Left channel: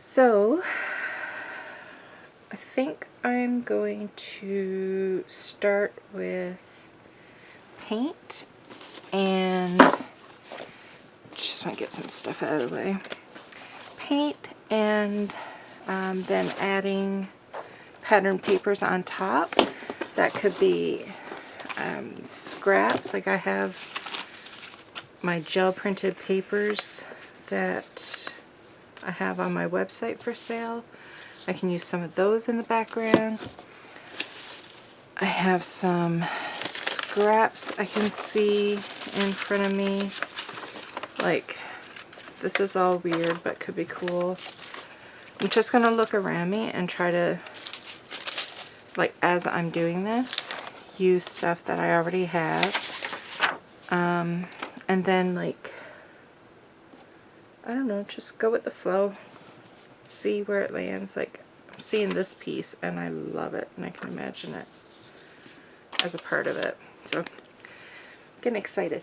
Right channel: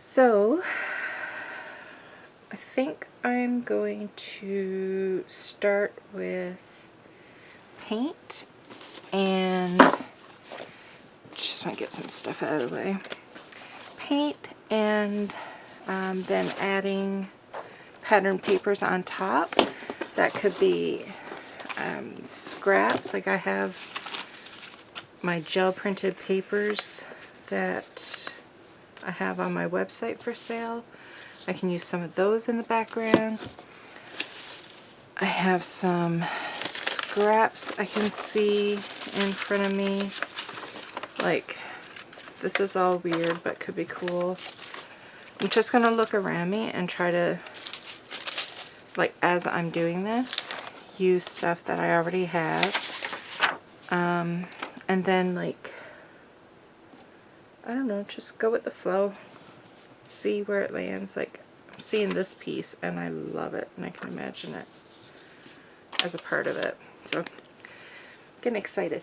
So I think I'm going to start with paint, and just want to get some stuff out of the way. Paint, and then adding pattern papers on top. That could be scraps, like I have my gel printed papers that I have on my website for sale. I can use some of those in the background. I have some scraps I can see in front of me. Like, this is all weird but could be cool. I'm just going to look around me and try to, like, as I'm doing this, use stuff that I already have. And then, like, I don't know, just go with the flow. See where it lands. Like, I'm seeing this piece and I love it, and I can imagine it as a part of it. So, getting excited.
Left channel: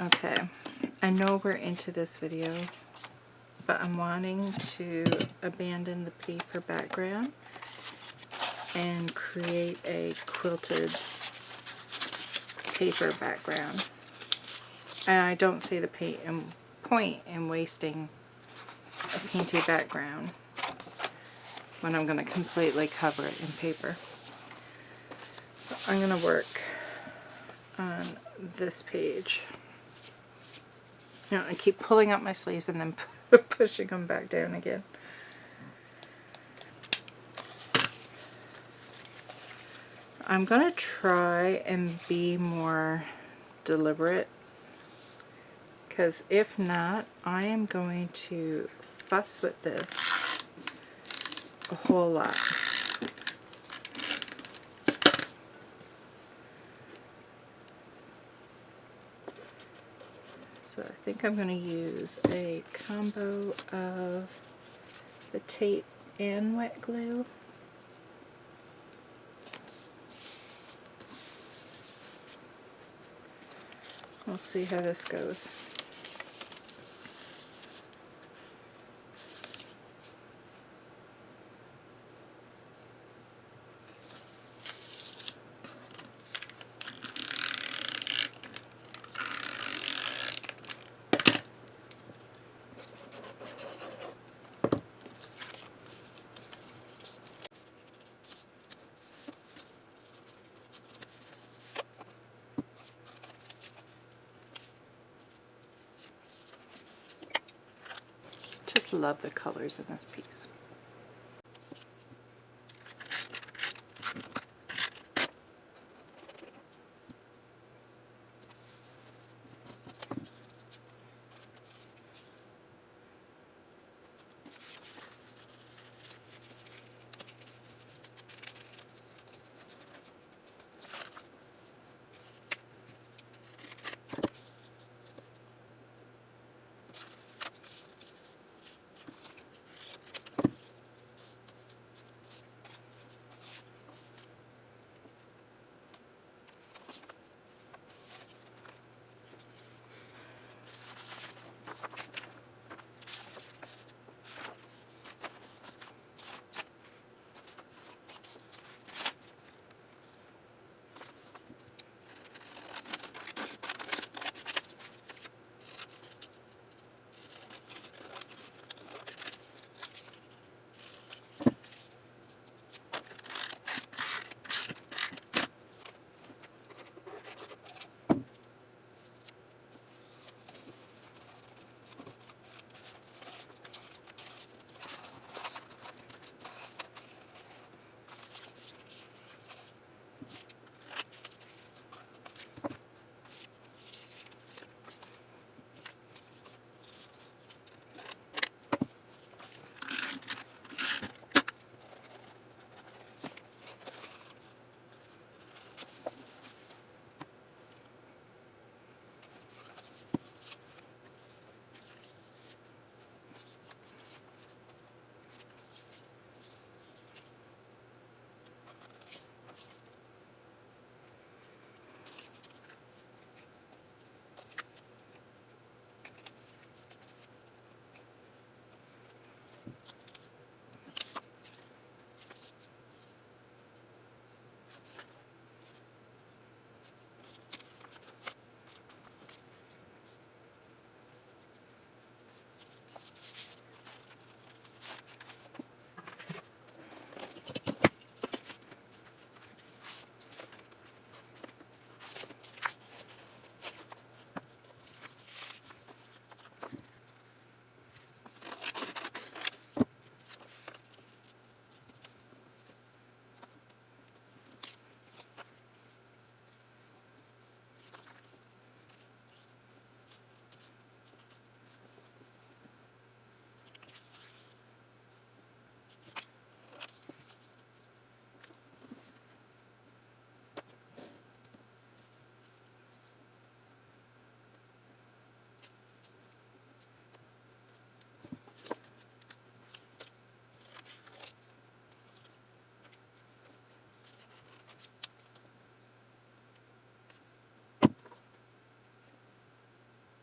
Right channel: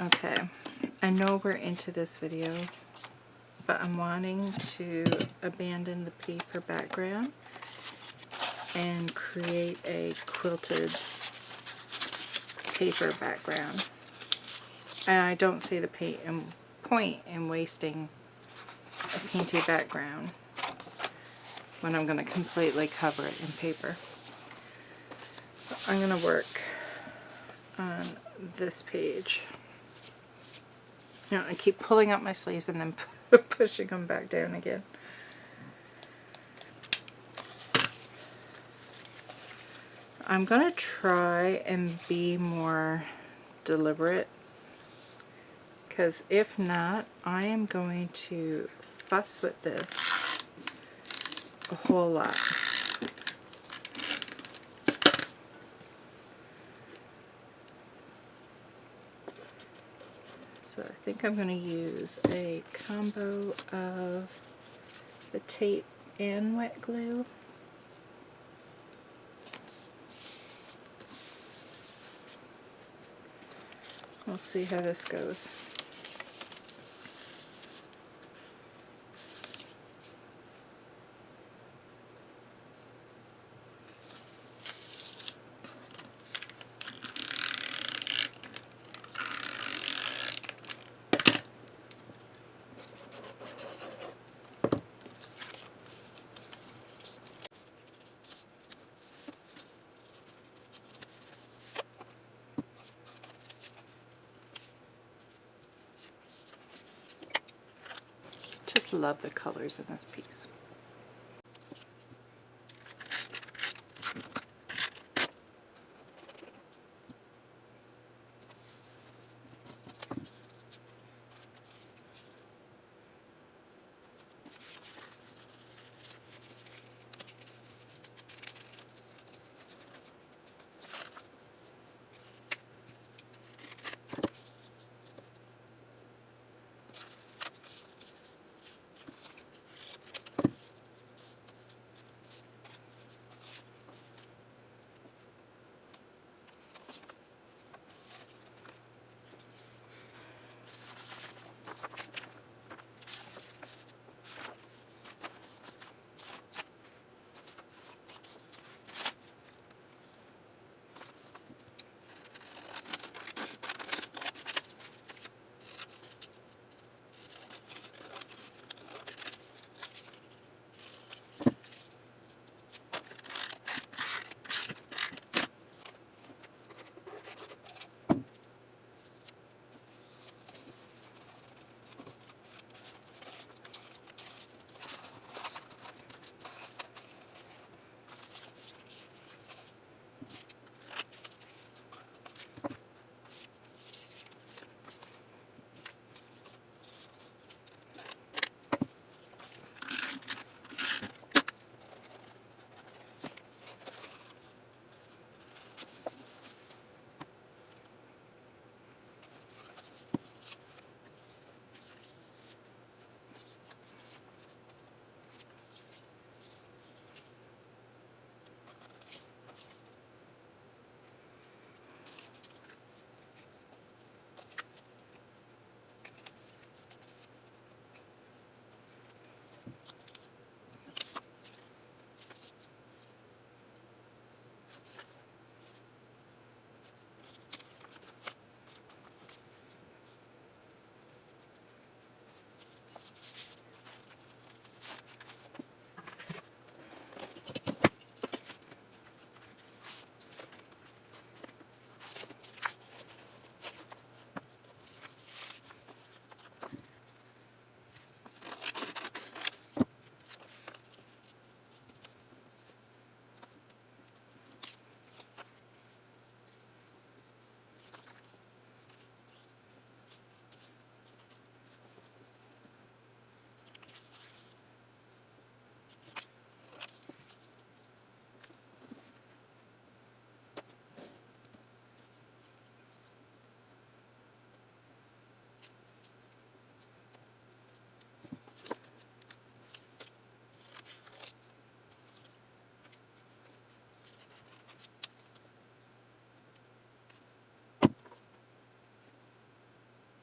Okay, I know we're into this video, but I'm wanting to abandon the paper background and create a quilted paper background. And I don't see the point in wasting a painted background when I'm going to completely cover it in paper. So I'm going to work on this page. You know, I keep pulling up my sleeves and then pushing them back down again. I'm going to try and be more deliberate, because if not, I am going to fuss with this a whole lot. So I think I'm going to use a combo of the tape and wet glue. We'll see how this goes. just love the colors in this piece.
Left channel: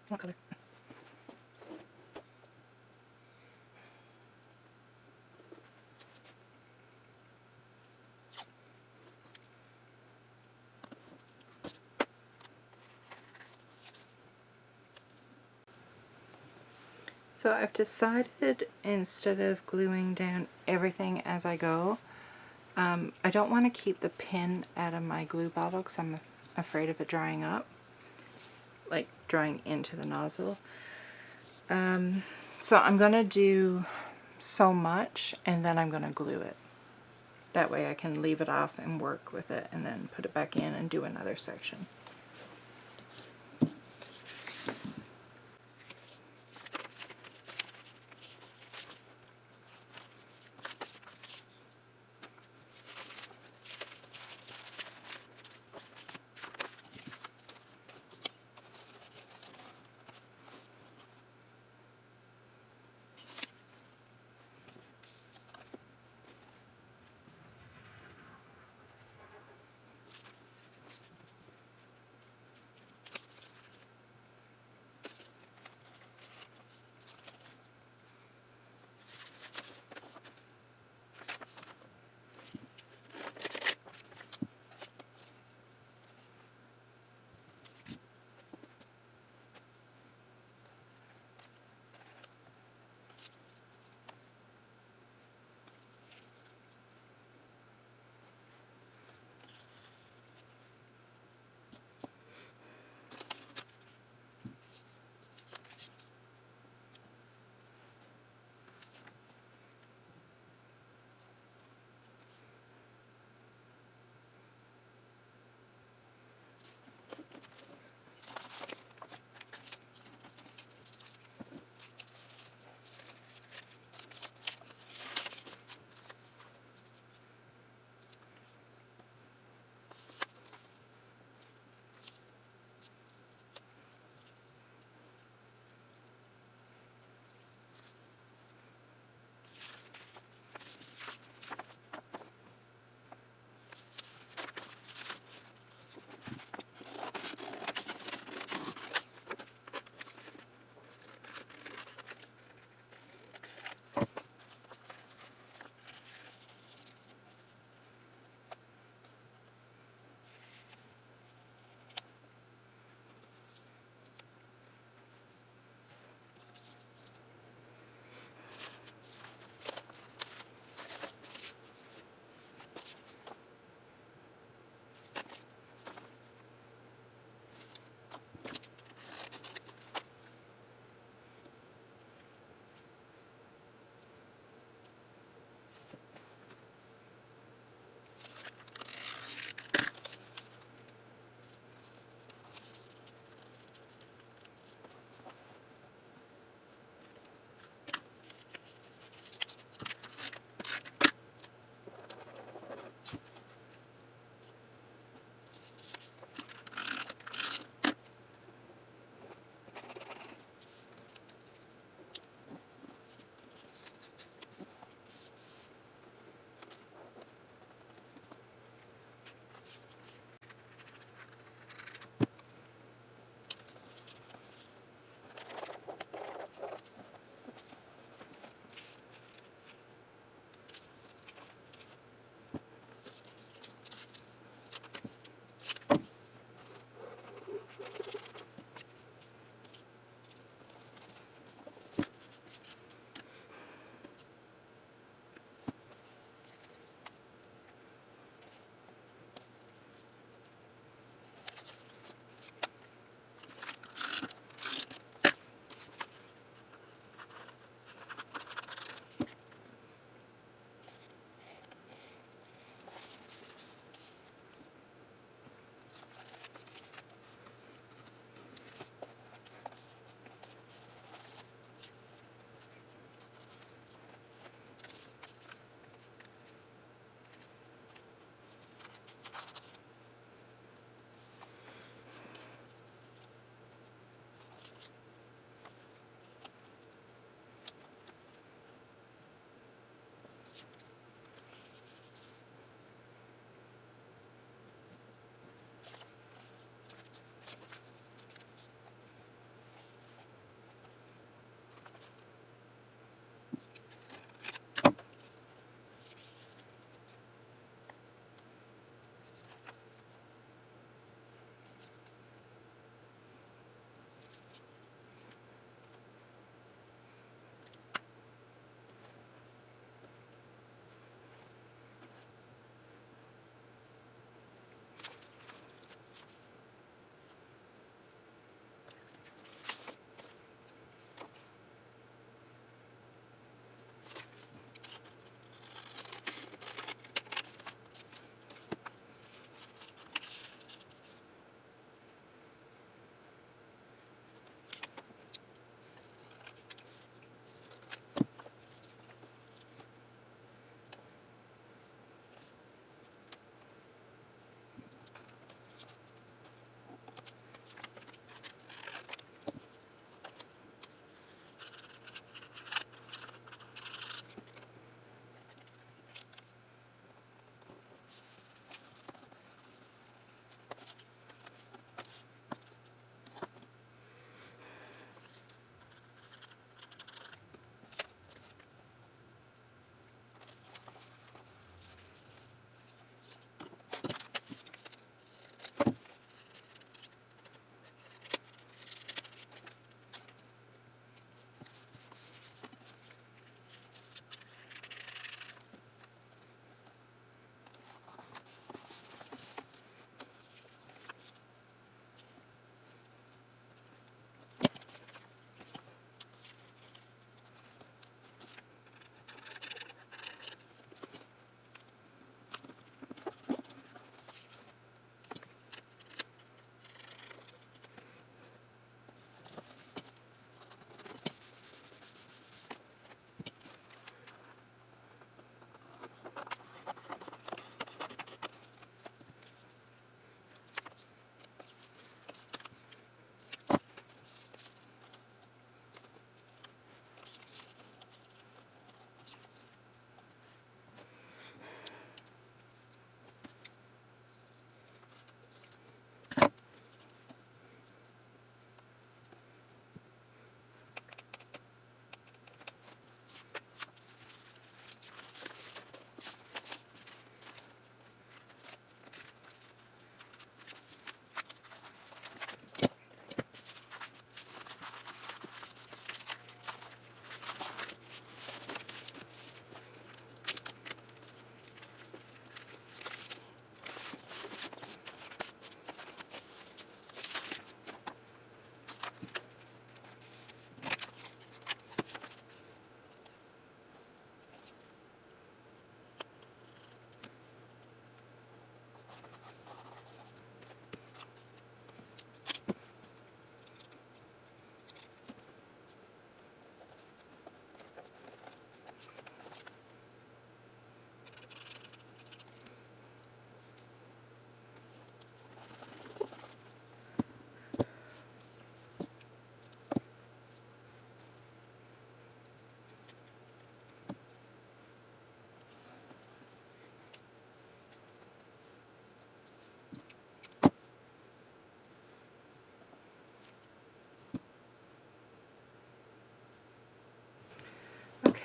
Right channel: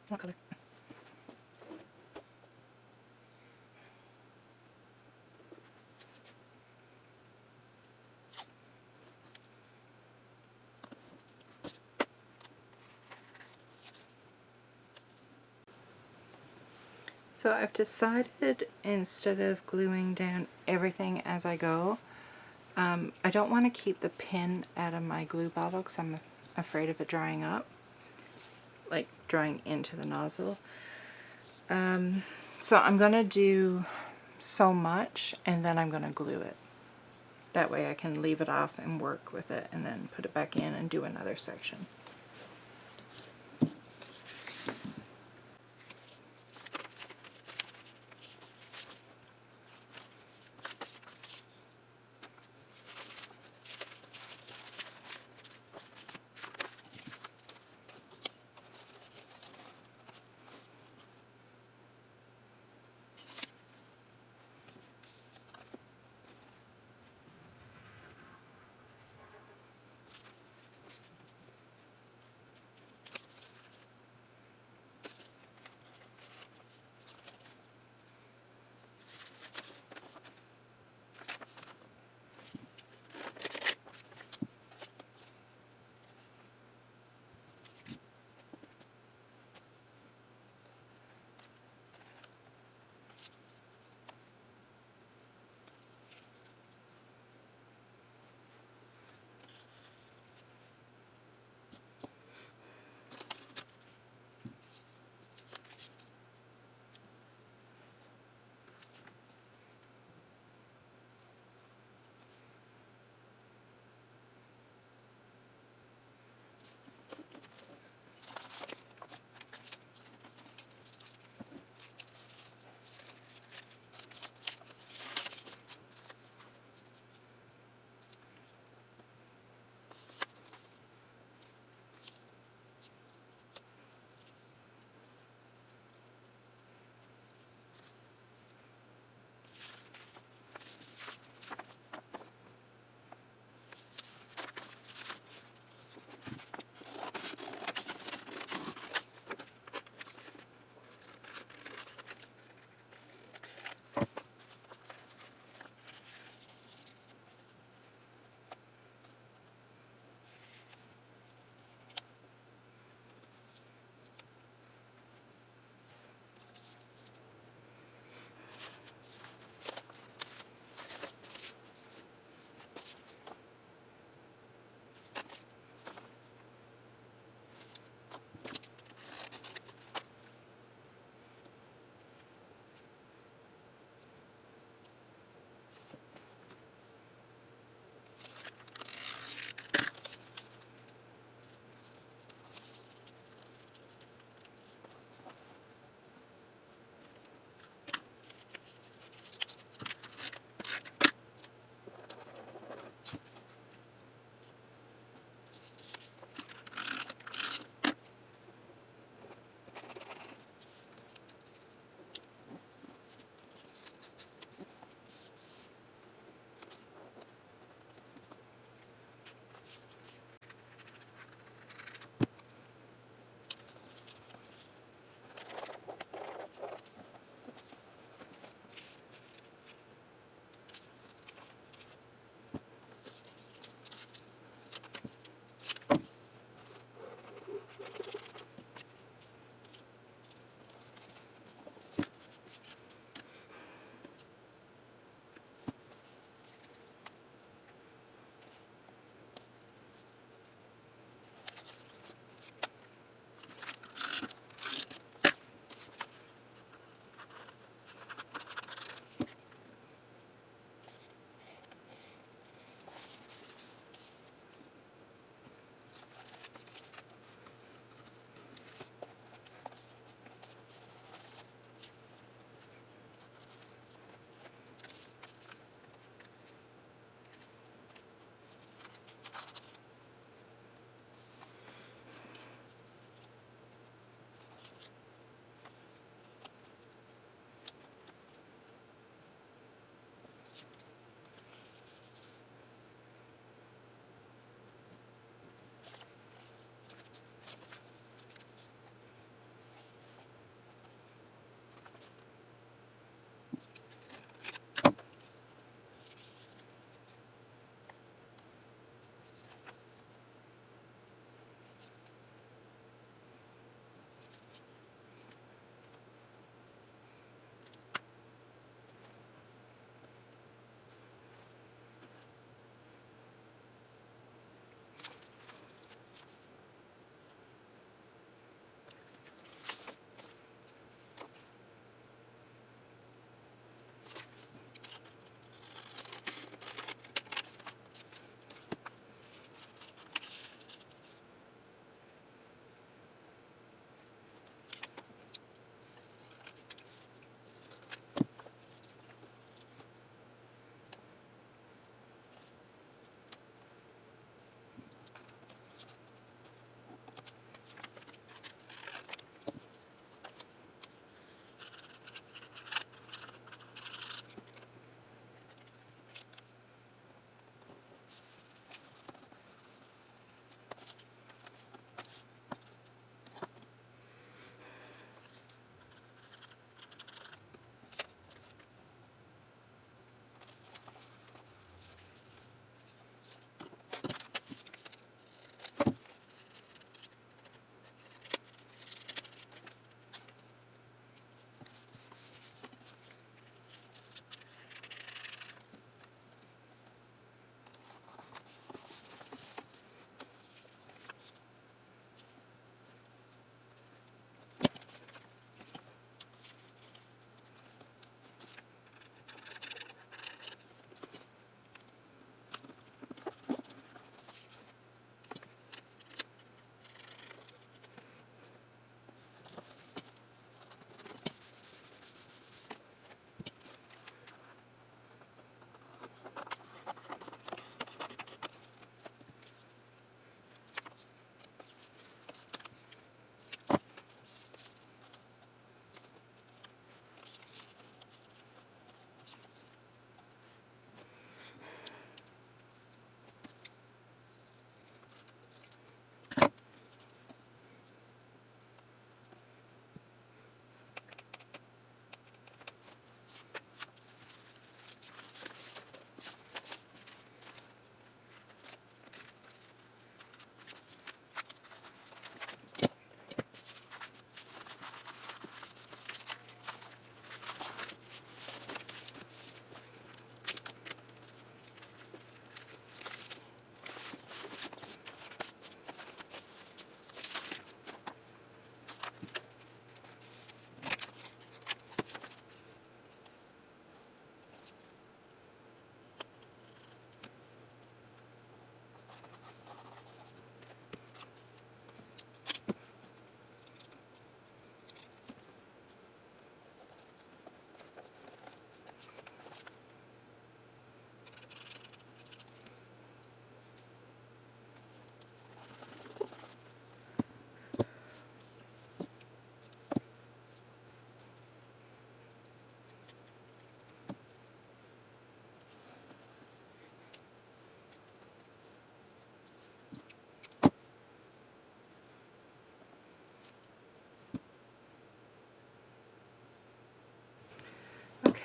What color? So I've decided, instead of gluing down everything as I go, I don't want to keep the pin out of my glue bottle because I'm afraid of it drying up, like drying into the nozzle. So I'm going to do so much and then I'm going to glue it. That way I can leave it off and work with it and then put it back in and do another section.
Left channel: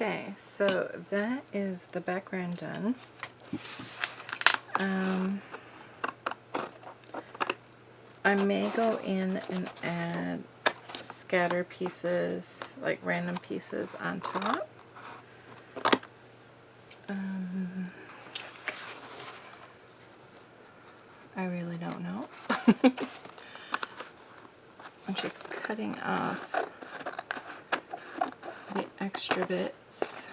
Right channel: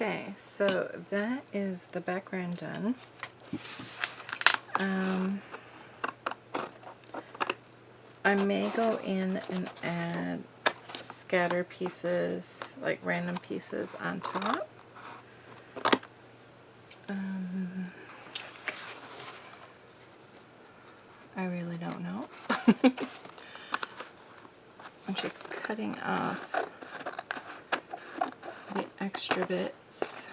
Okay, so that is the background done. I may go in and add scatter pieces, like random pieces on top. I really don't know. I'm just cutting off the extra bits.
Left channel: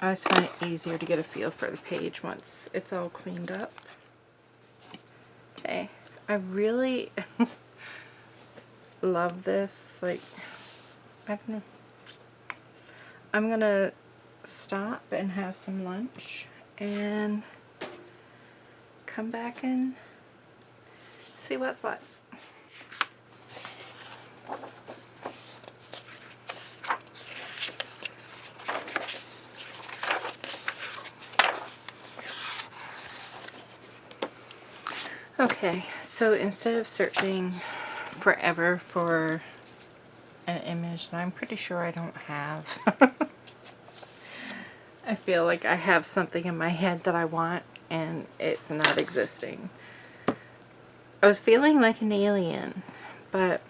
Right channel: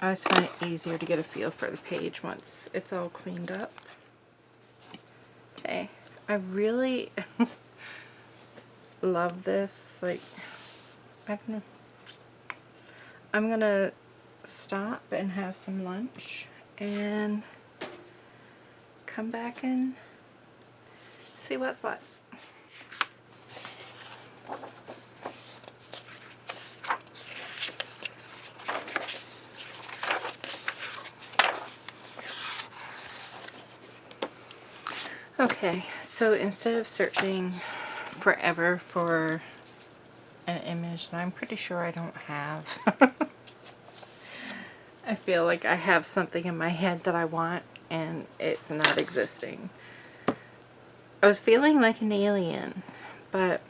I always find it easier to get a feel for the page once it's all cleaned up. Okay, I really love this. Like, I don't know. I'm gonna stop and have some lunch and come back and see what's what. Okay, so instead of searching forever for an image that I'm pretty sure I don't have, I feel like I have something in my head that I want and it's not existing. I was feeling like an alien, but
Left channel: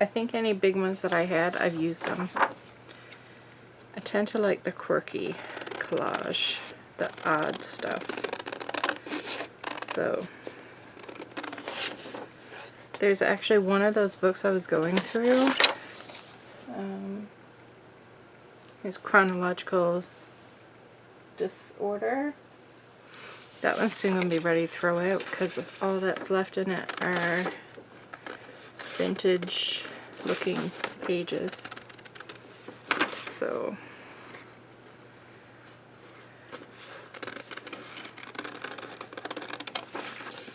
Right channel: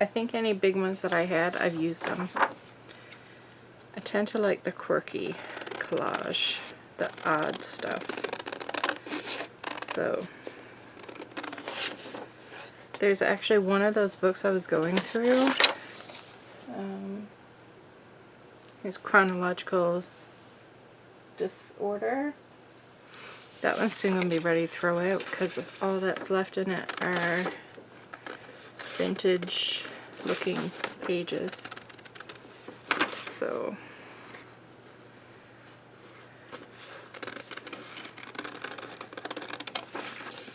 I think any big ones that I had, I've used them. I tend to like the quirky collage, the odd stuff. So there's actually one of those books I was going through. It's Chronological Disorder. That one's soon going to be ready to throw out because all that's left in it are vintage looking pages. So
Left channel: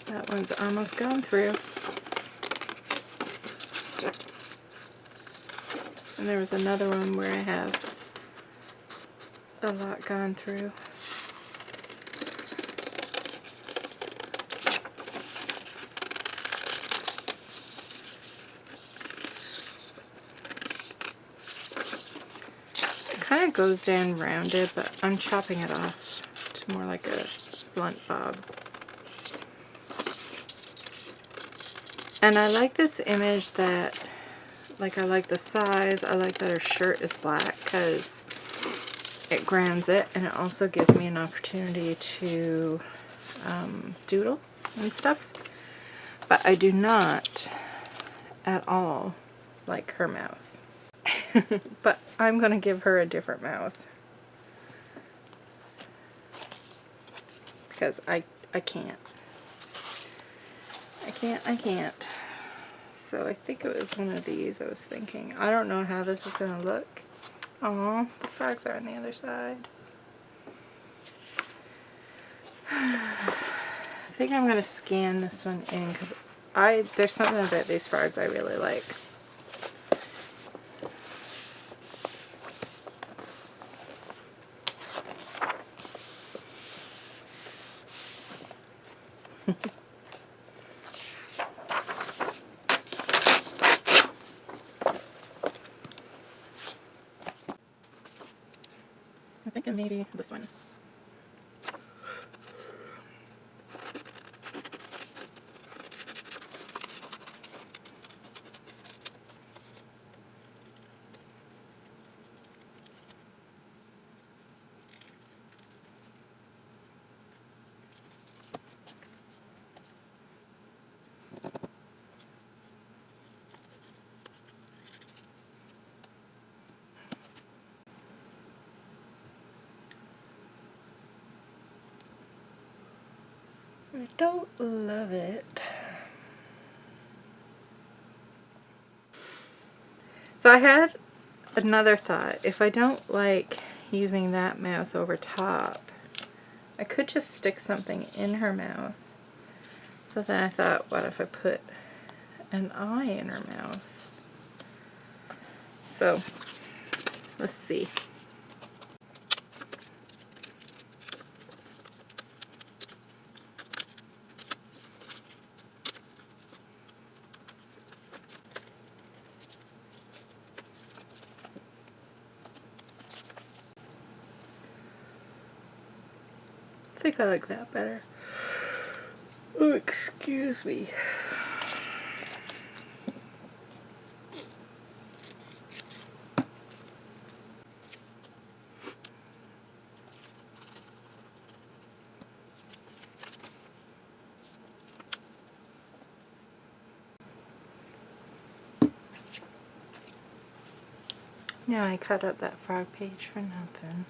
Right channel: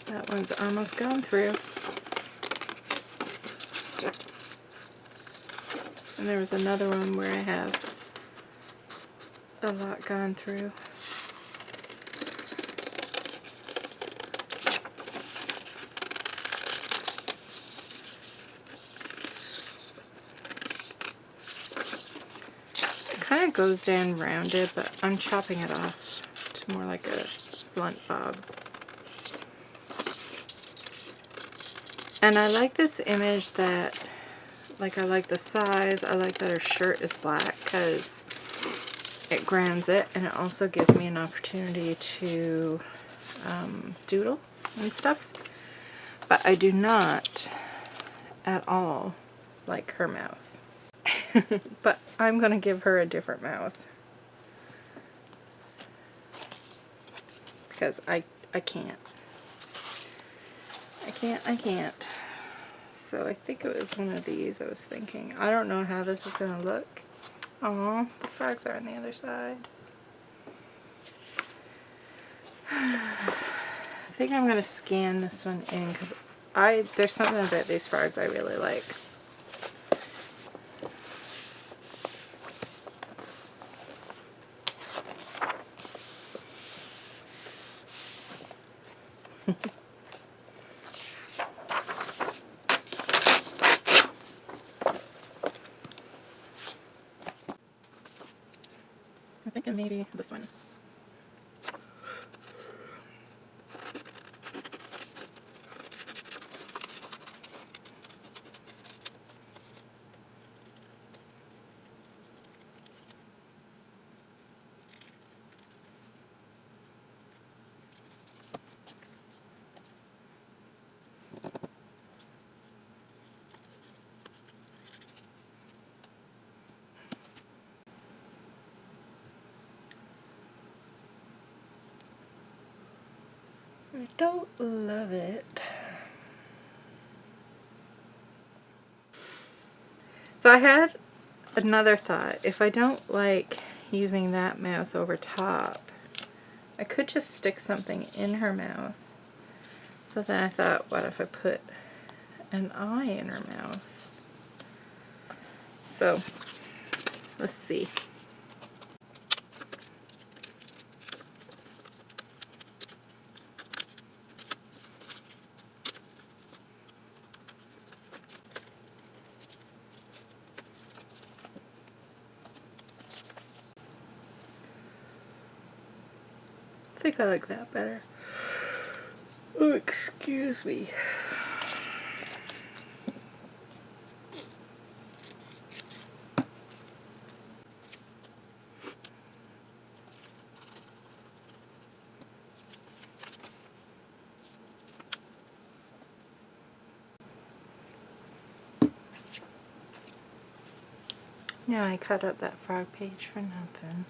that one's almost gone through. And there was another one where I have a lot gone through. It kind of goes down rounded, but I'm chopping it off to more like a blunt bob. And I like this image that, like, I like the size, I like that her shirt is black because it grounds it, and it also gives me an opportunity to doodle and stuff. But I do not at all like her mouth. But I'm going to give her a different mouth. Because I can't. I can't. So I think it was one of these I was thinking. I don't know how this is going to look. Aw, the frogs are on the other side. I think I'm going to scan this one in because there's something about these frogs I really like. I'm thinking maybe this one. I don't love it. So I had another thought. If I don't like using that mouth over top, I could just stick something in her mouth. So then I thought, what if I put an eye in her mouth? So let's see. think I like that better. Oh, excuse me. Yeah, I cut up that frog page for nothing.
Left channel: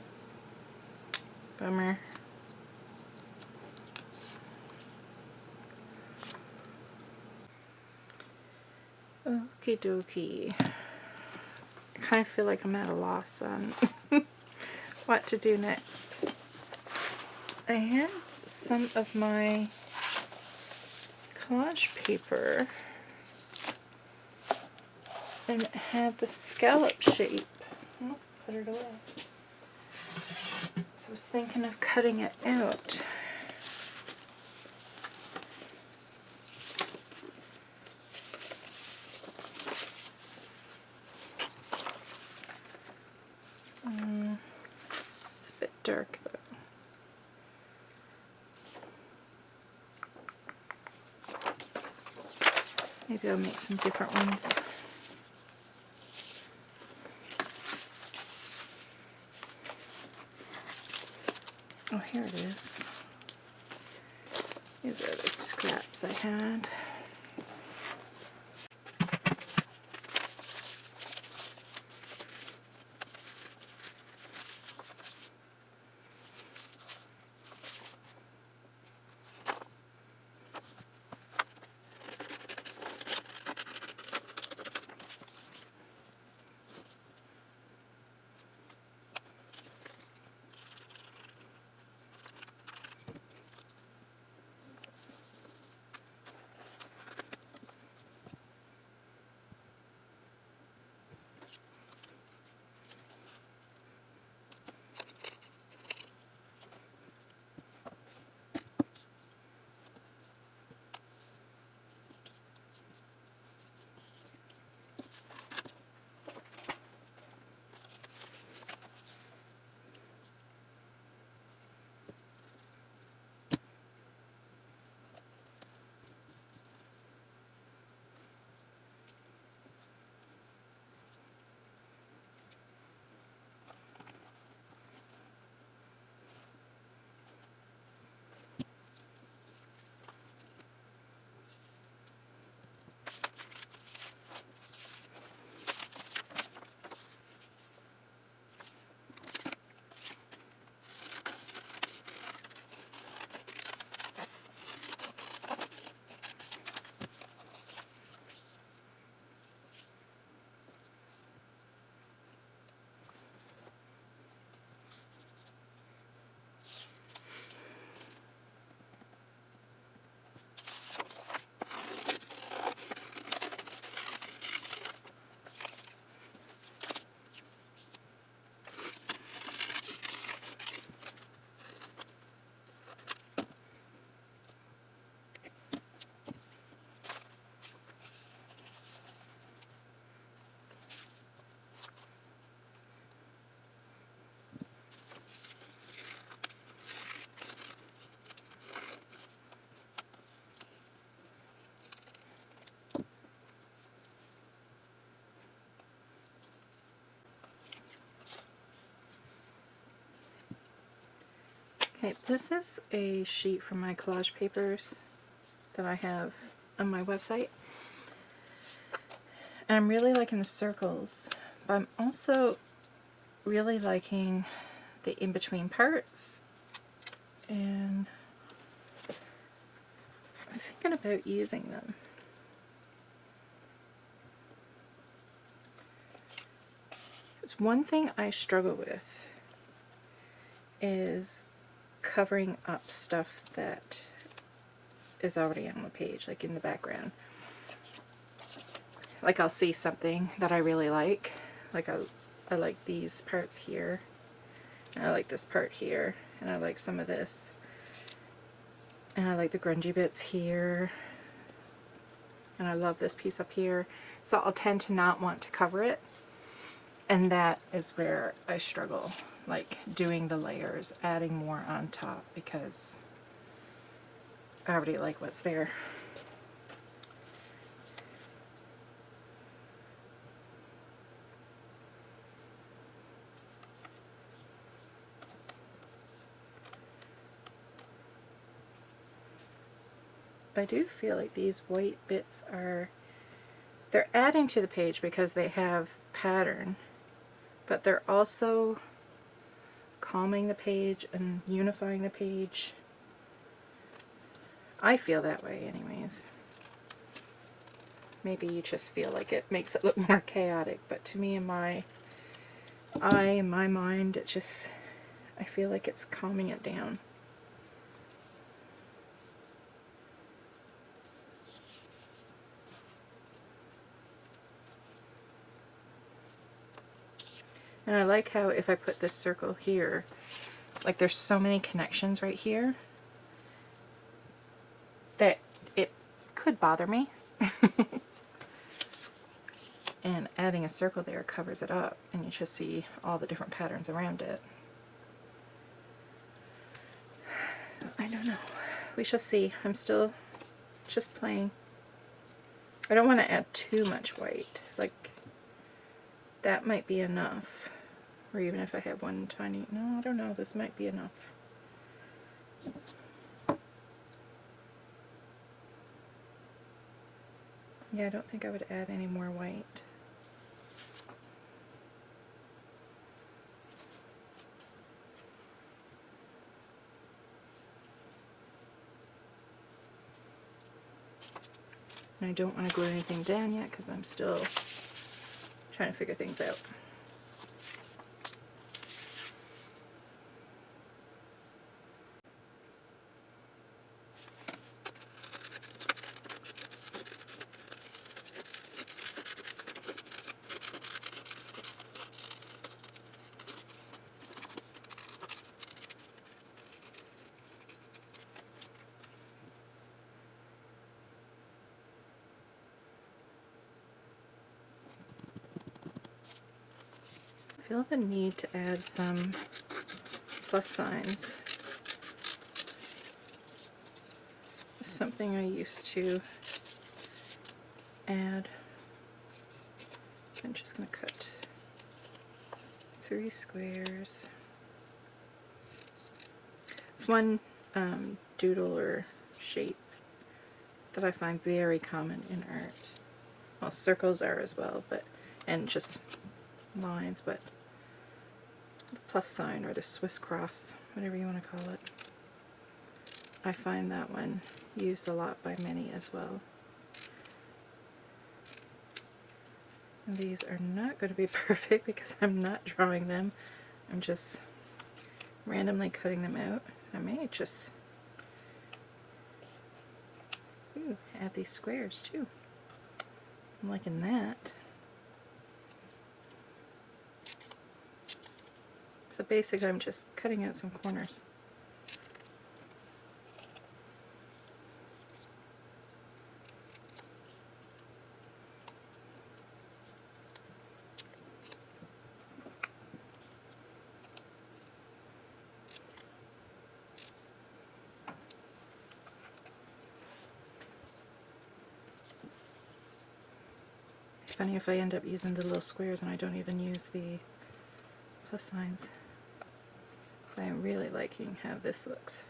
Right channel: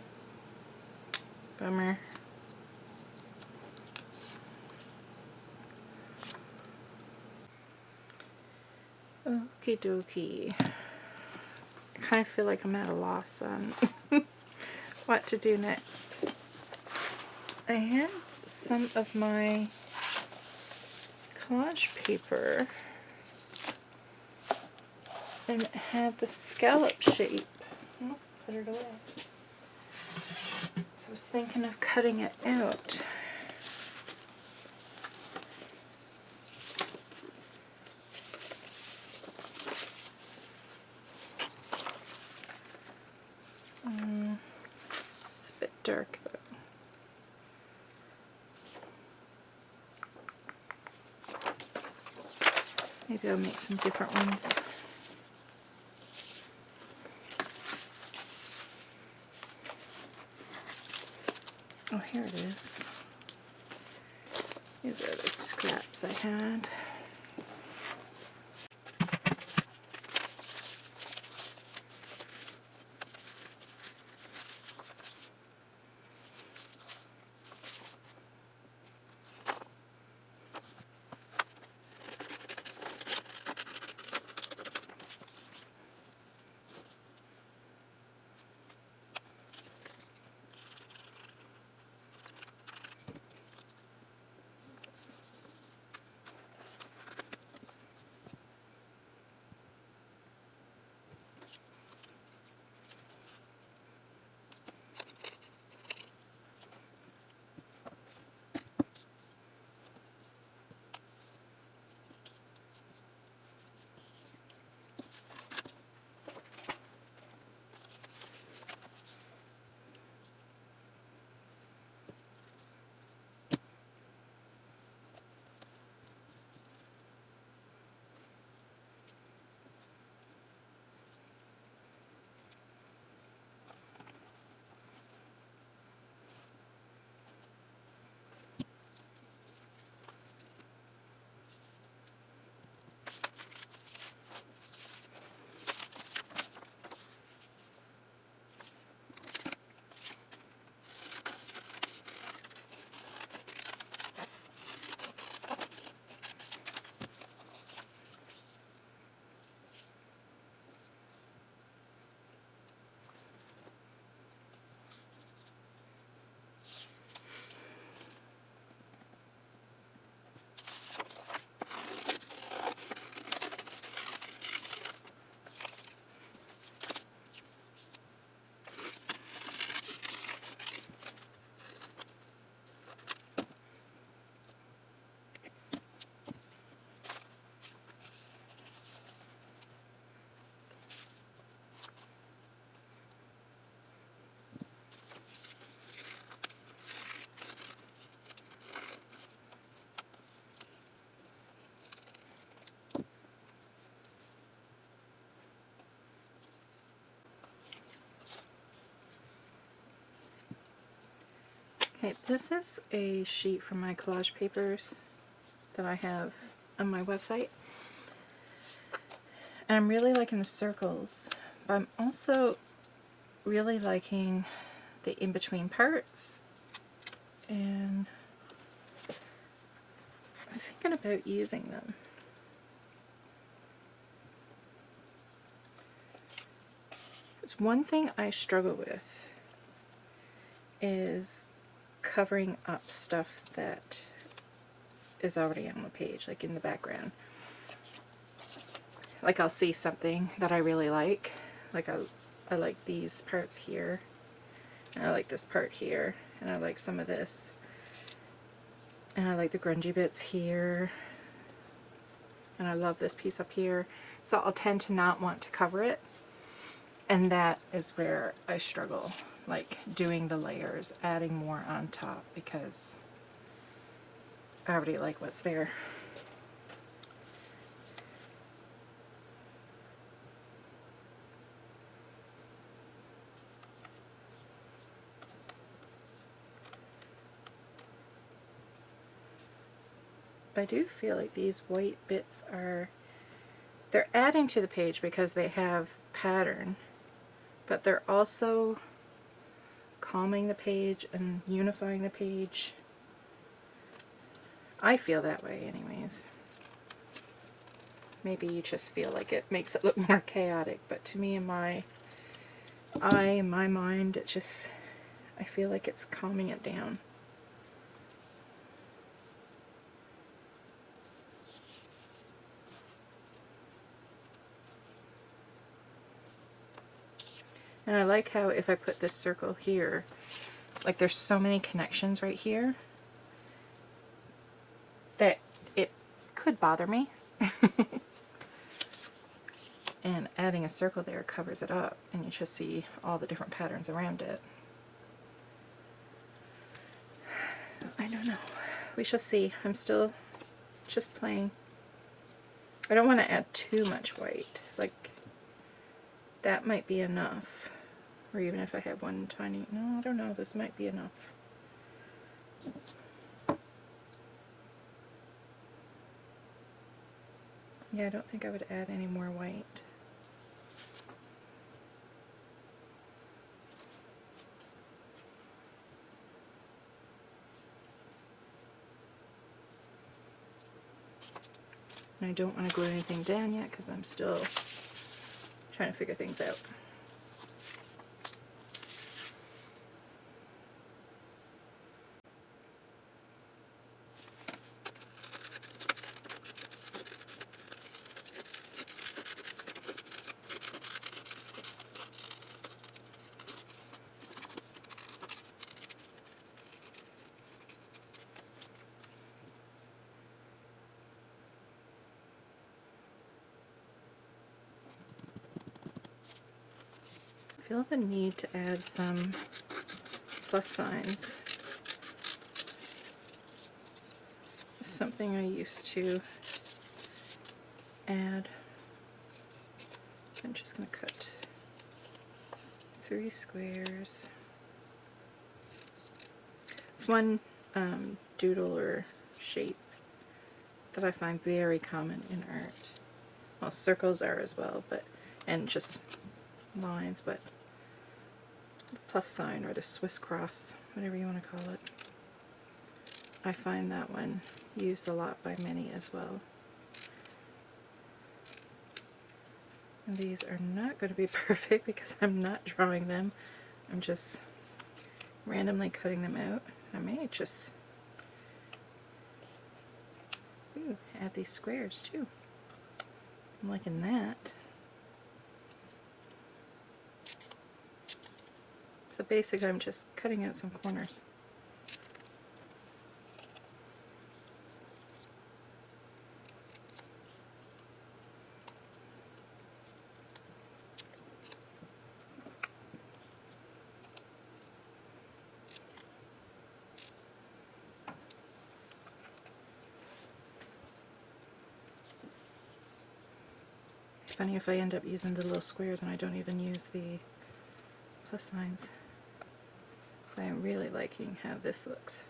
Bummer. Okie dokie. I kind of feel like I'm at a loss on what to do next. I had some of my collage paper and it had the scallop shape. I must put it away. So I was thinking of cutting it out. It's a bit dark though. Maybe I'll make some different ones. Oh, here it is. These are the scraps I had. Okay, this is a sheet from my collage papers that I have on my website. And I'm really liking the circles, but I'm also really liking the in-between parts. And I'm thinking about using them. There's one thing I struggle with is covering up stuff that is already on the page, like in the background. Like I'll see something that I really like I like these parts here, and I like this part here, and I like some of this, and I like the grungy bits here, and I love this piece up here, so I'll tend to not want to cover it, and that is where I struggle. like doing the layers, adding more on top, because I already like what's there. But I do feel like these white bits they're adding to the page because they have pattern, but they're also calming the page and unifying the page. I feel that way anyways. Maybe you just feel like it makes it look more chaotic, but to me, in my eye, in my mind, I feel like it's calming it down. And I like how if I put this circle here, like there's so many connections right here that it could bother me. And adding a circle there covers it up, and you just see all the different patterns around it. I don't know. We shall see. I'm still just playing. I don't want to add too much white. Like, that might be enough. Or even if I have one tiny... No, I don't know. This might be enough. Yeah, I don't think I would add any more white. And I don't want to glue anything down yet because I'm still trying to figure things out. I feel the need to add some plus signs. It's something I used to add. I'm just going to cut 3 squares. It's one doodle or shape that I find very common in art. Well, circles are as well, and just lines, but the plus sign or the Swiss cross, whatever you want to call it. I find that one used a lot by many as well. And these are not going to be perfect because I'm not drawing them. I'm just randomly cutting them out. I may just add these squares too. I'm liking that. So basically I'm just cutting out some corners. Funny if I end up using the little squares and I don't even use the plus lines. I'm really liking how this looks.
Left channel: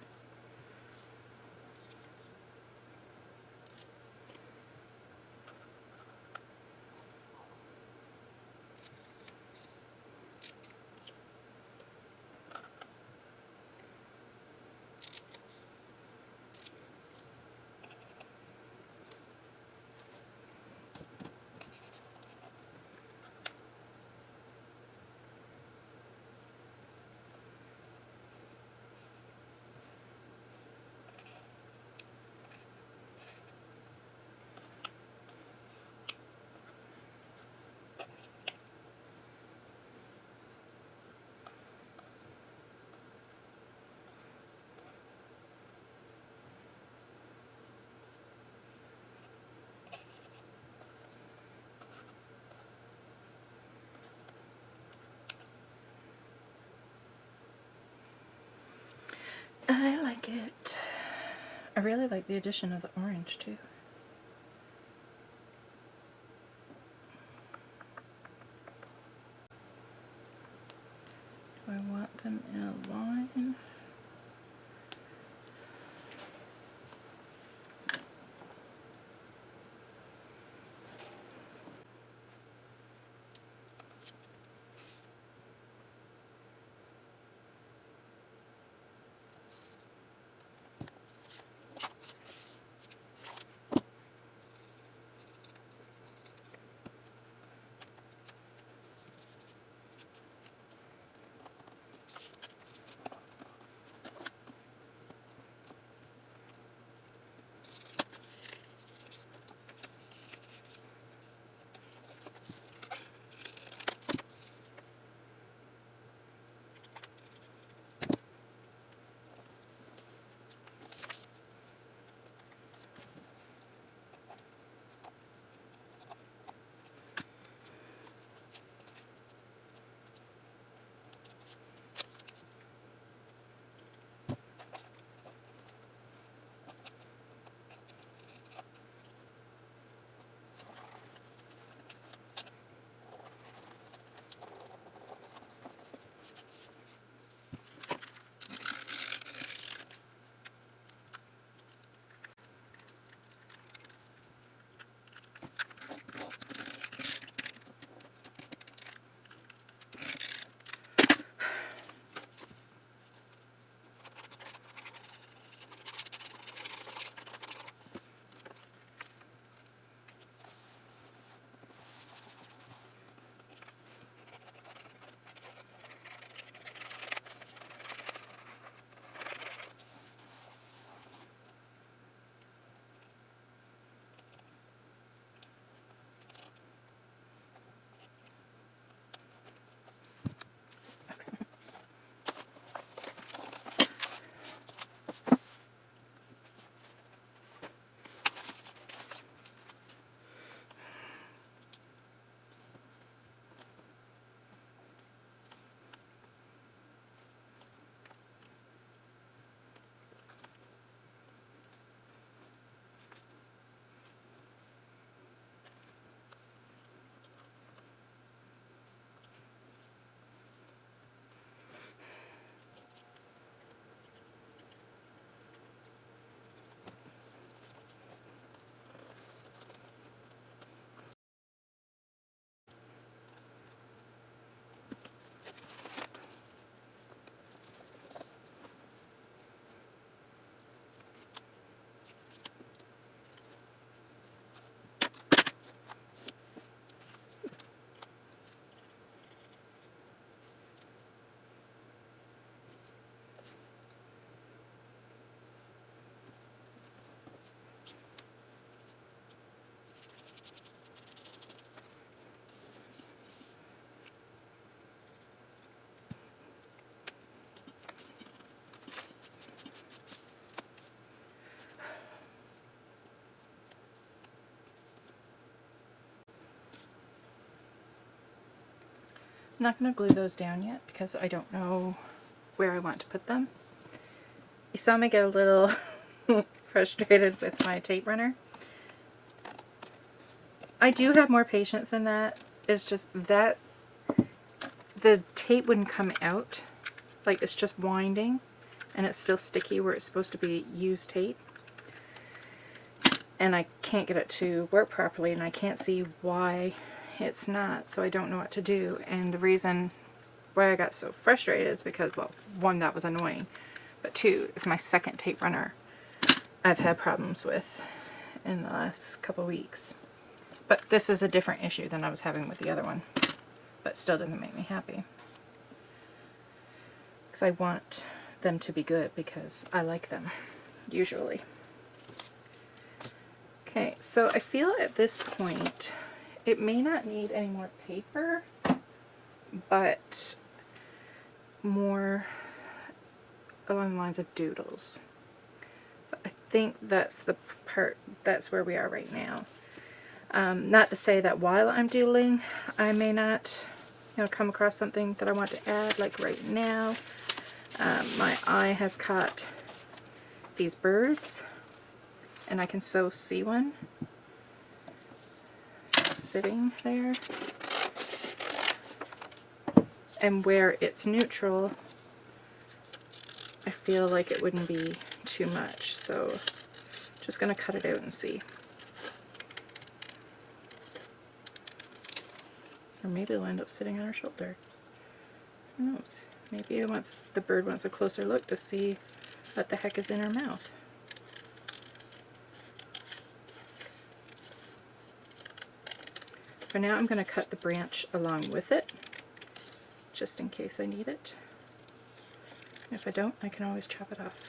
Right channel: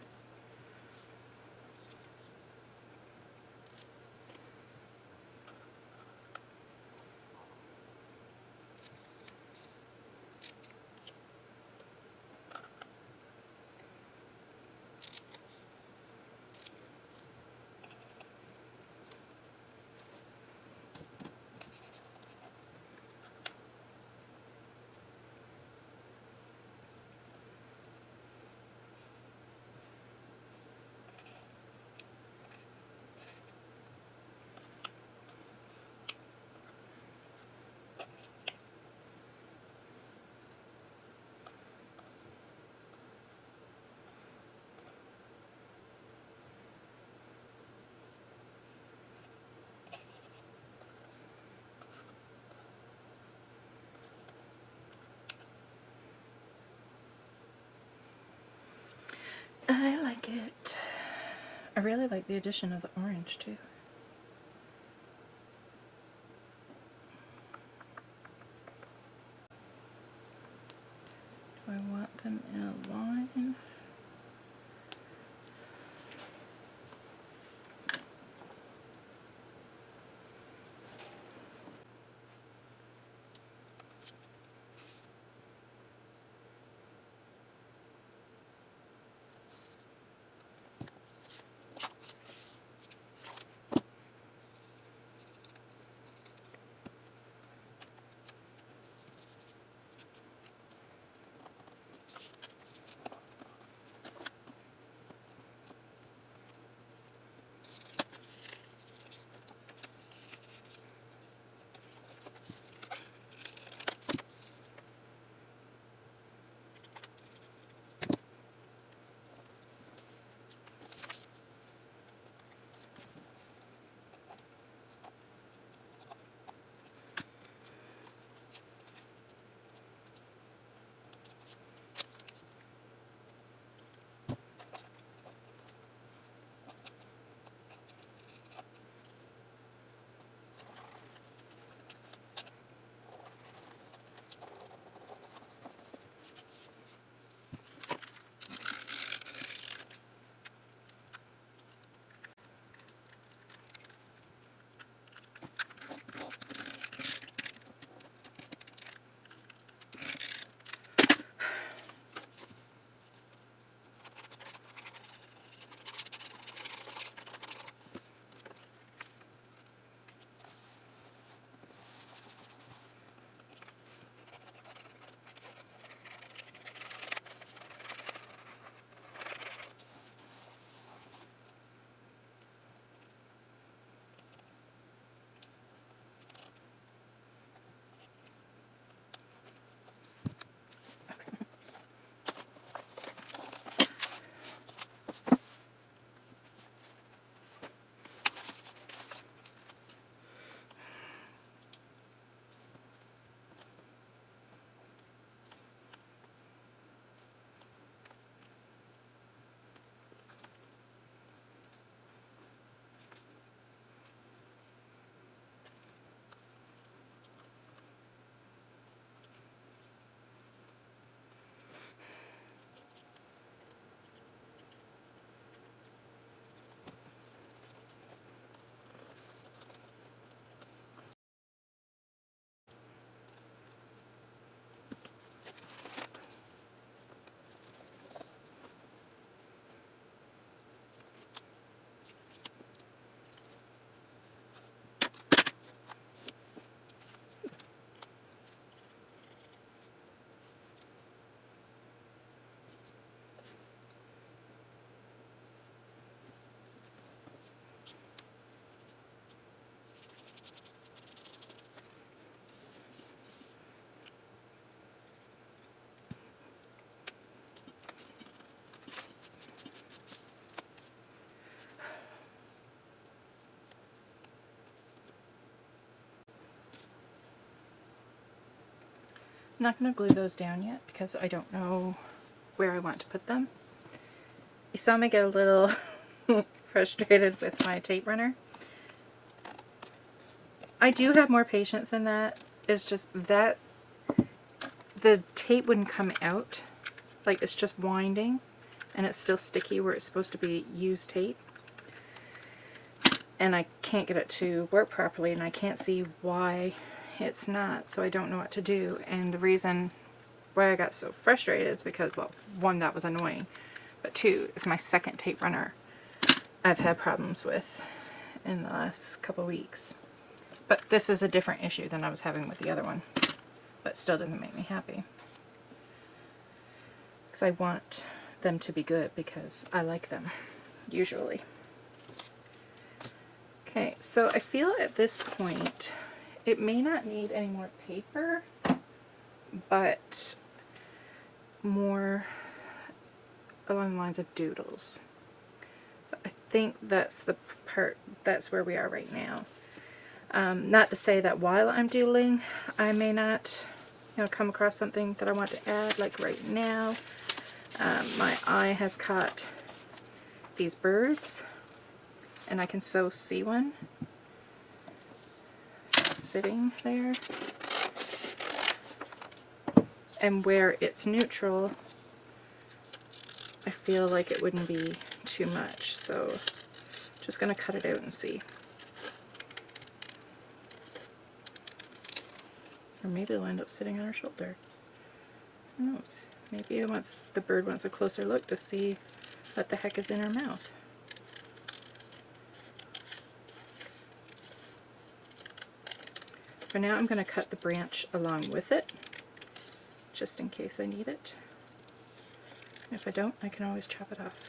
I like it. I really like the addition of the orange too. Do I want them in a line? I'm not going to glue those down yet because I don't know where I want to put them. You saw me get a little frustrated with my tape runner. I do have more patience than that. It's just that the tape wouldn't come out. Like, it's just winding and it's still sticky where it's supposed to be used tape. And I can't get it to work properly, and I can't see why it's not, so I don't know what to do. And the reason why I got so frustrated is because, well, one, that was annoying, but two, it's my second tape runner I've had problems with in the last couple weeks. But this is a different issue than I was having with the other one, but still doesn't make me happy. Because I want them to be good because I like them, usually. Okay, so I feel at this point it may not need any more paper, but more along the lines of doodles. So I think that's the part, that's where we are right now. Not to say that while I'm doodling, I may not come across something that I want to add, like right now. My eye has caught these birds, and I can so see one sitting there. And where it's neutral, I feel like it wouldn't be too much, so just gonna cut it out and see. Or maybe it'll end up sitting on her shoulder. Who knows? Maybe the bird wants a closer look to see what the heck is in her mouth. For now, I'm going to cut the branch along with it, just in case I need it. If I don't, I can always chop it off.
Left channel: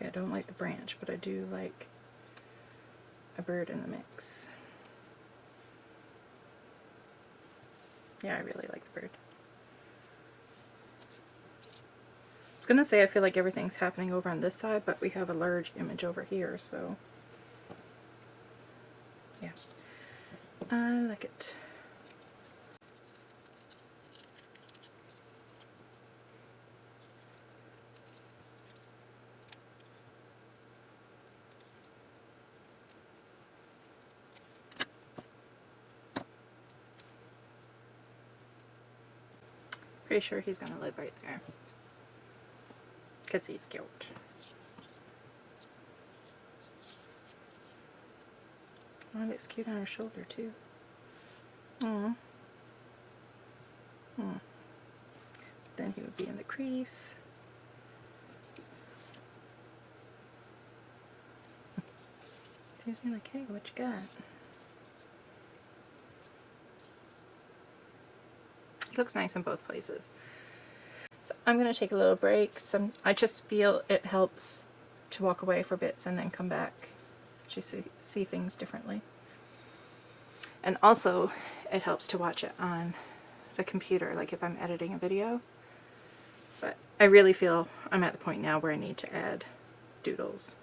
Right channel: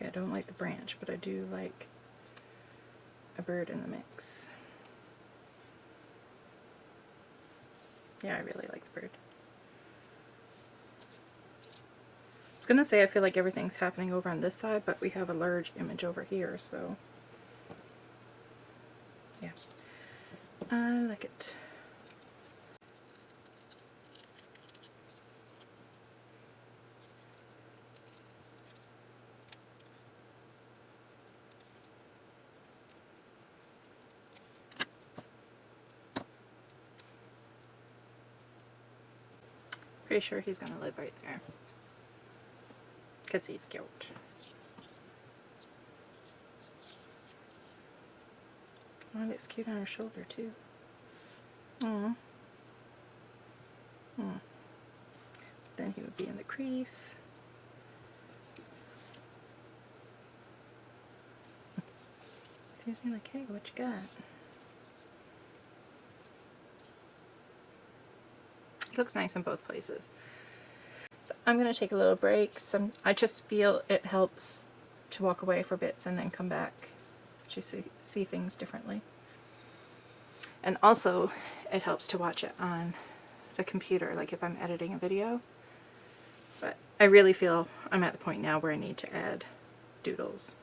Okay, I don't like the branch, but I do like a bird in the mix. Yeah, I really like the bird. I was gonna say I feel like everything's happening over on this side, but we have a large image over here, so yeah. I like it. Pretty sure he's gonna live right there, because he's cute. Oh, it's cute on her shoulder too. Oh. Then he would be in the crease. He's like, hey, what you got? It looks nice in both places. So I'm going to take a little break. I just feel it helps to walk away for bits and then come back to see things differently. And also, it helps to watch it on the computer, like if I'm editing a video. But I really feel I'm at the point now where I need to add doodles.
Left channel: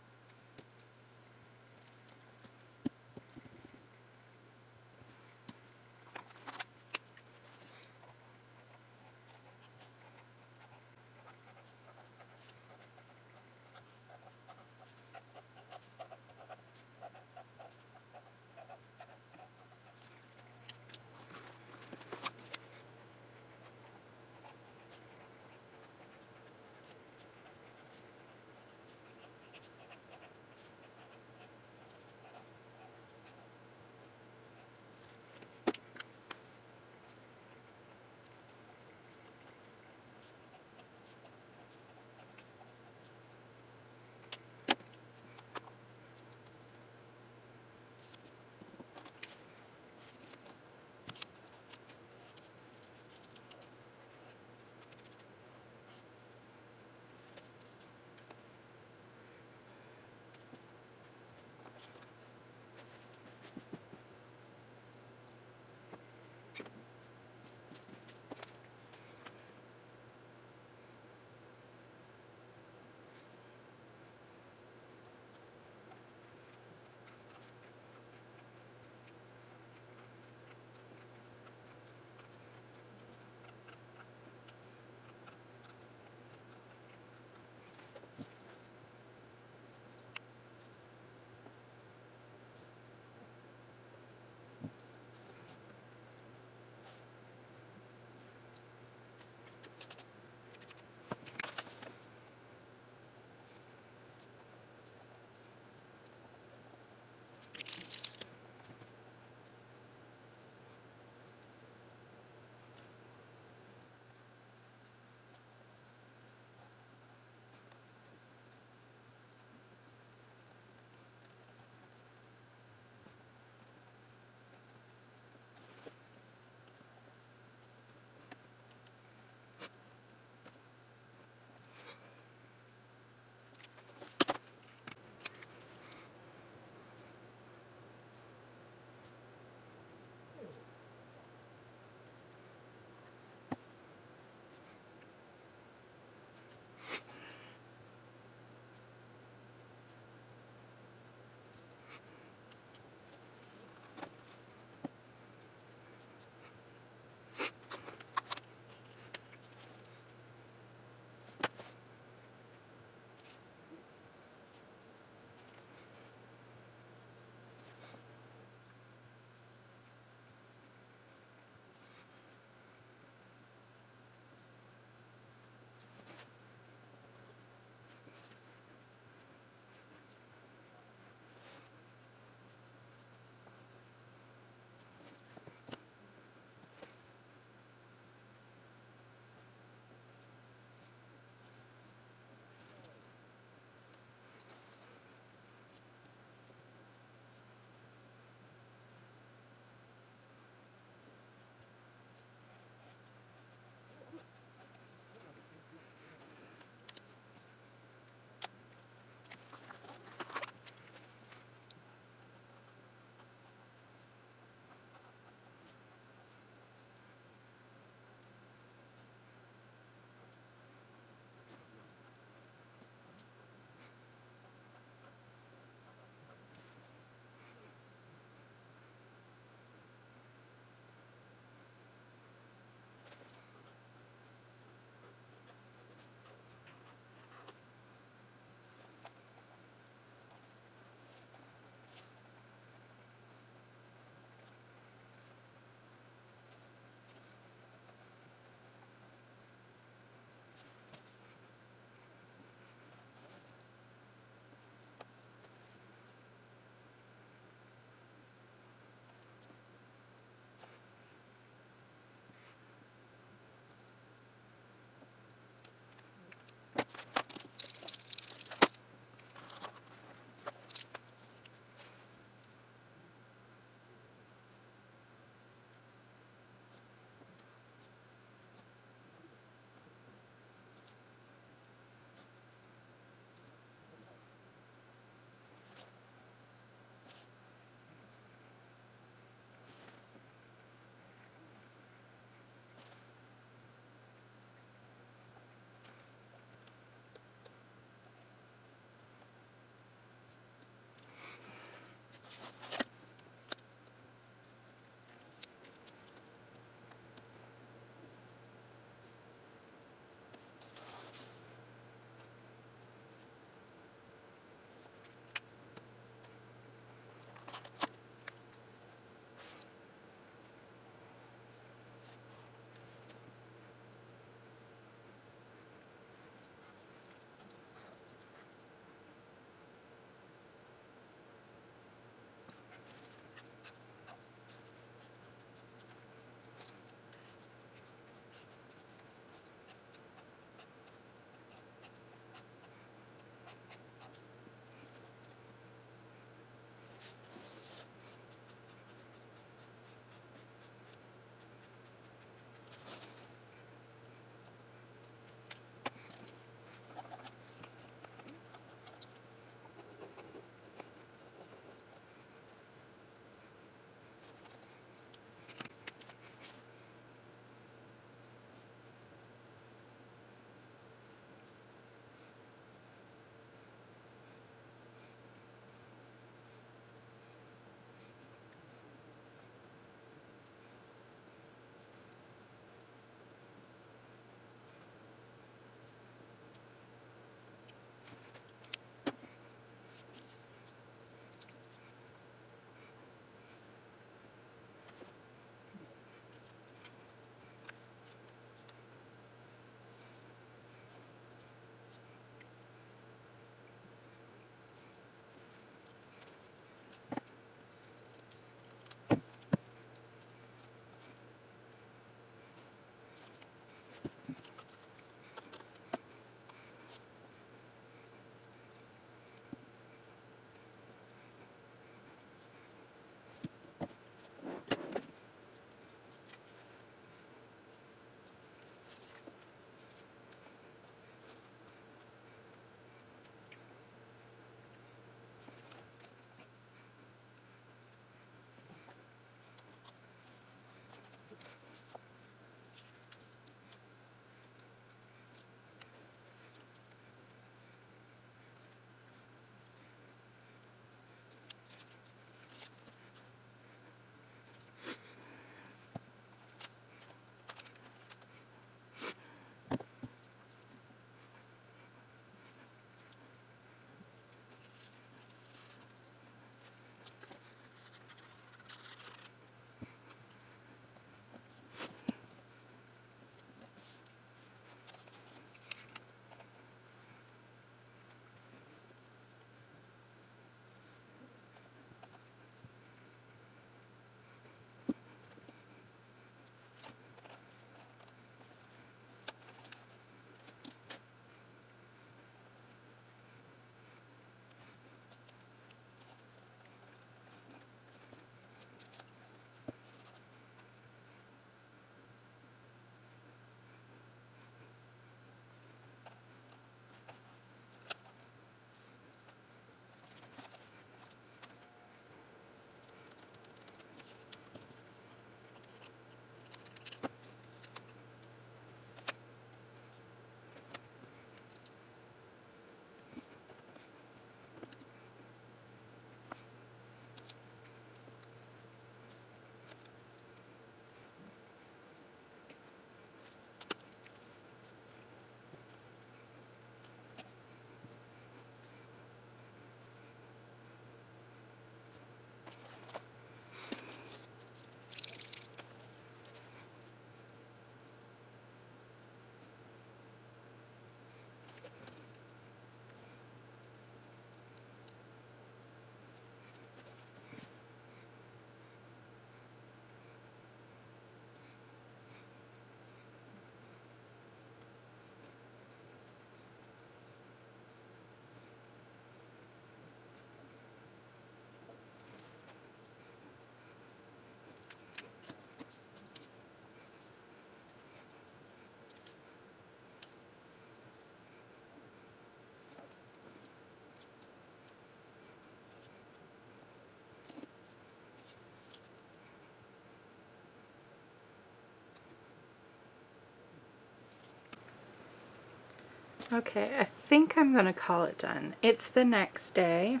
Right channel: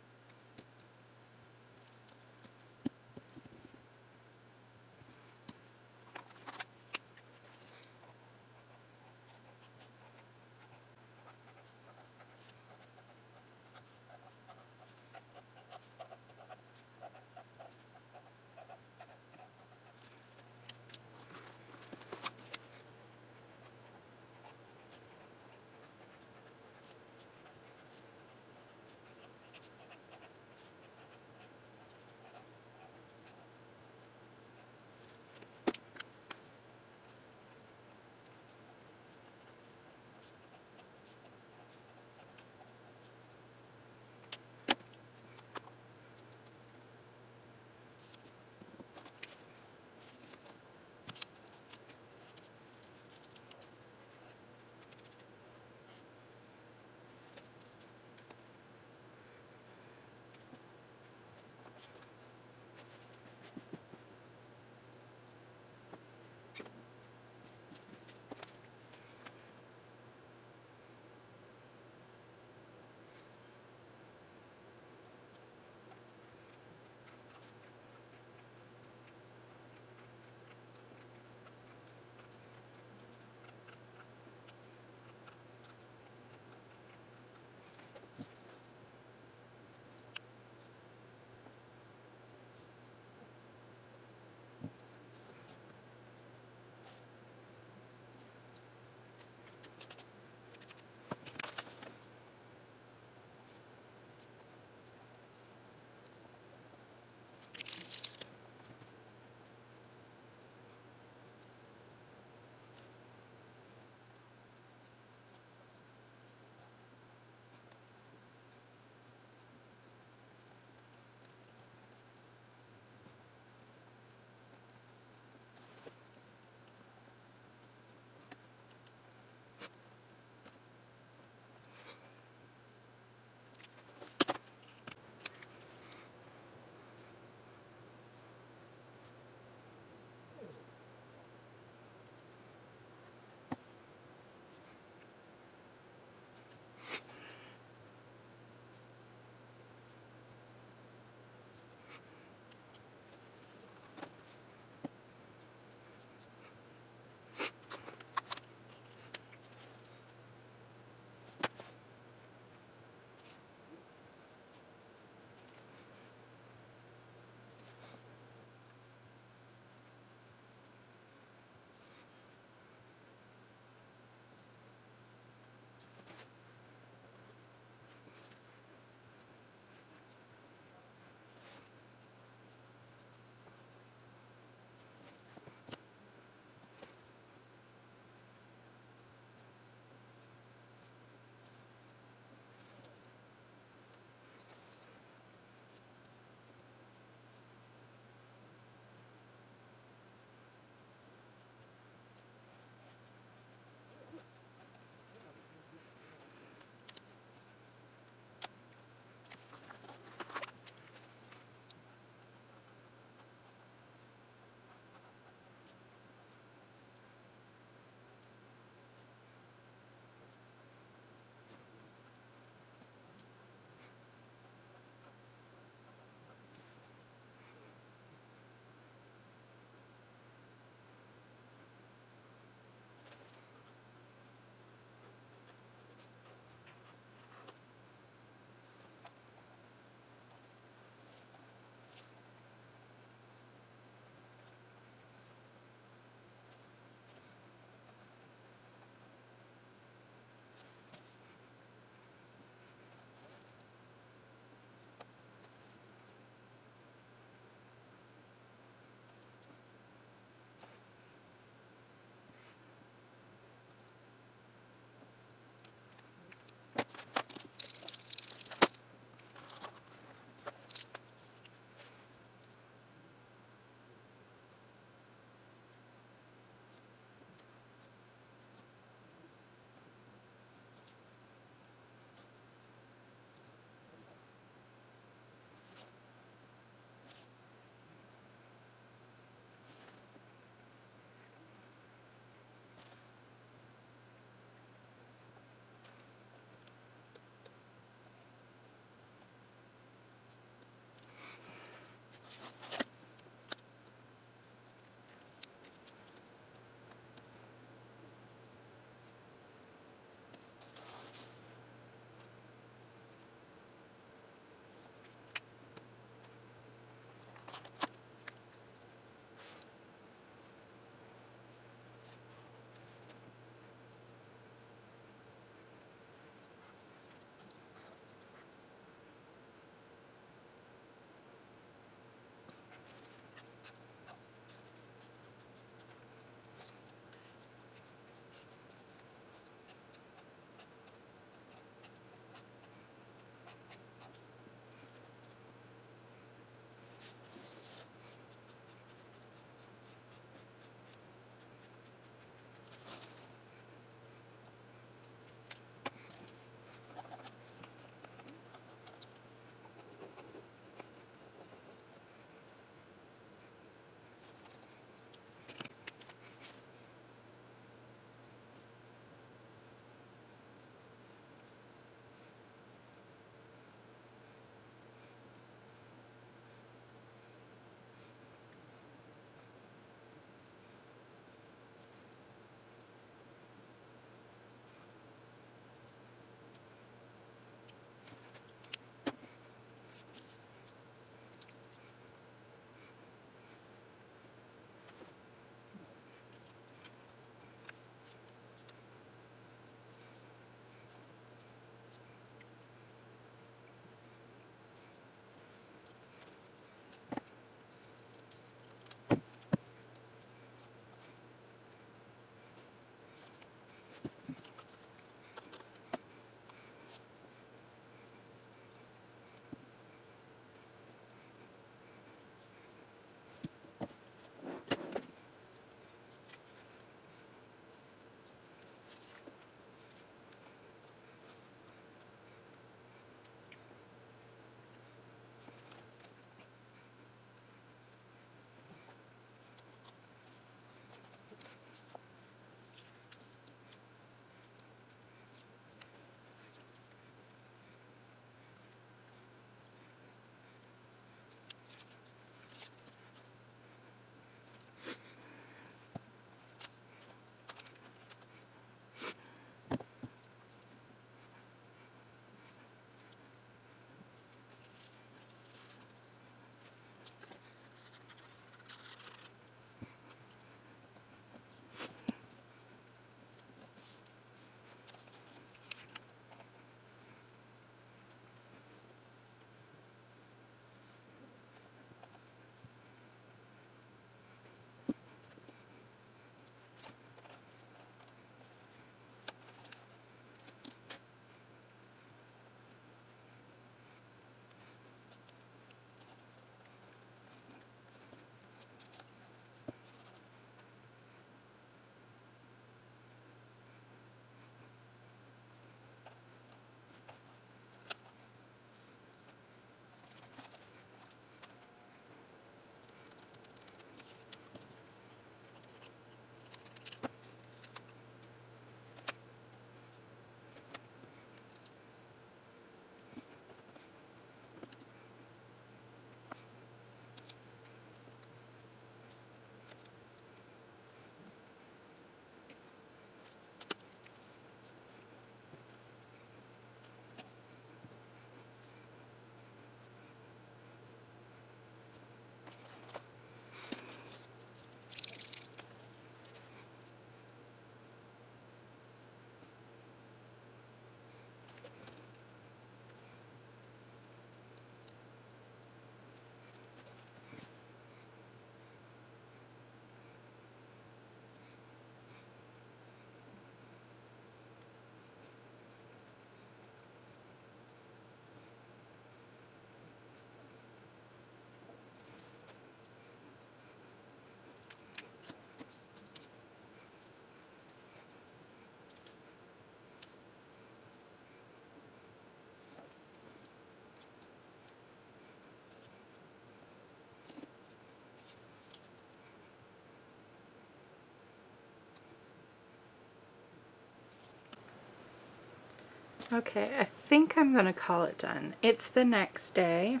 Okay, I think I'm gonna call it done. It's the next day,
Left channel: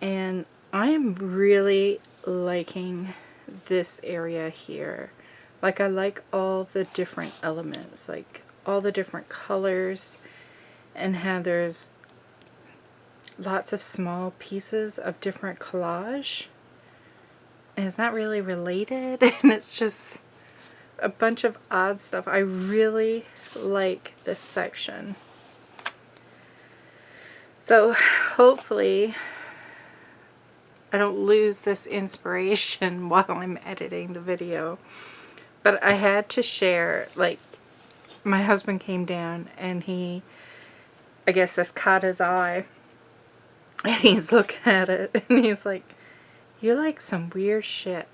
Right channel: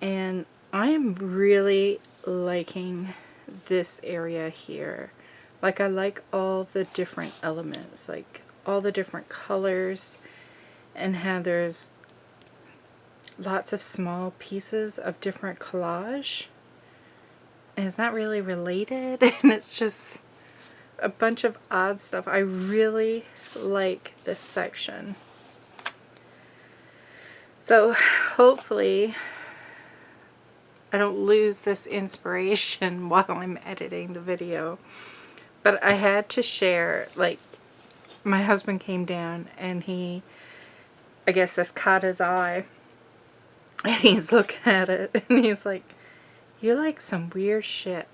and I am really liking this area here. Like, I like all the different elements, like all the different colors, and how there's lots of small pieces of different collage. And it's not really related, and it's just a bunch of odd stuff. I really like this section. So hopefully I don't lose this inspiration while I'm editing the video. But I had to share, like, my husband came down and he, I guess this caught his eye, and he's looking at it and he's like, "You like some weird shit."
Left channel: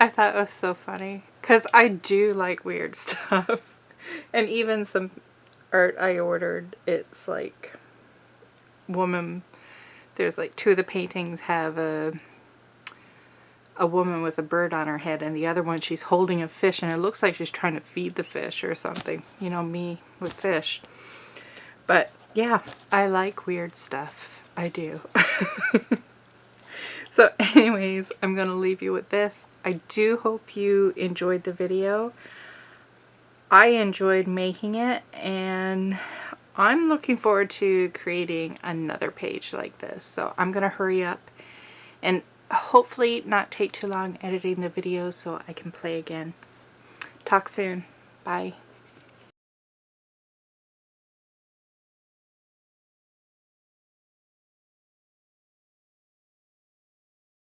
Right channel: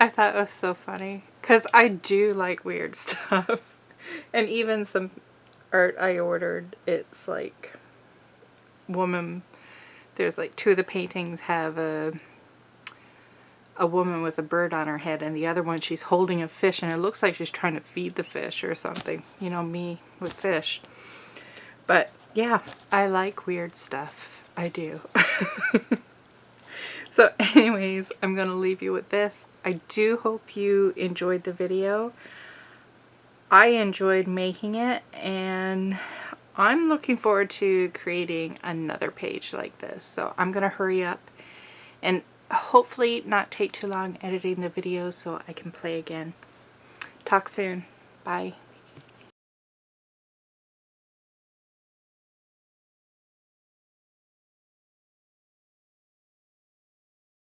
I thought it was so funny because I do like weird stuff. And even some art I ordered, it's like woman, there's like 2 of the paintings have a woman with a bird on her head, and the other one she's holding a fish, and it looks like she's trying to feed the fish or something. You know me with fish. But yeah, I like weird stuff. I do. So anyways, I'm going to leave you with this. I do hope you enjoyed the video. I enjoyed making it, and I'm looking forward to creating another page like this. So I'm going to hurry up and hopefully not take too long editing the video so I can play again. Talk soon. Bye.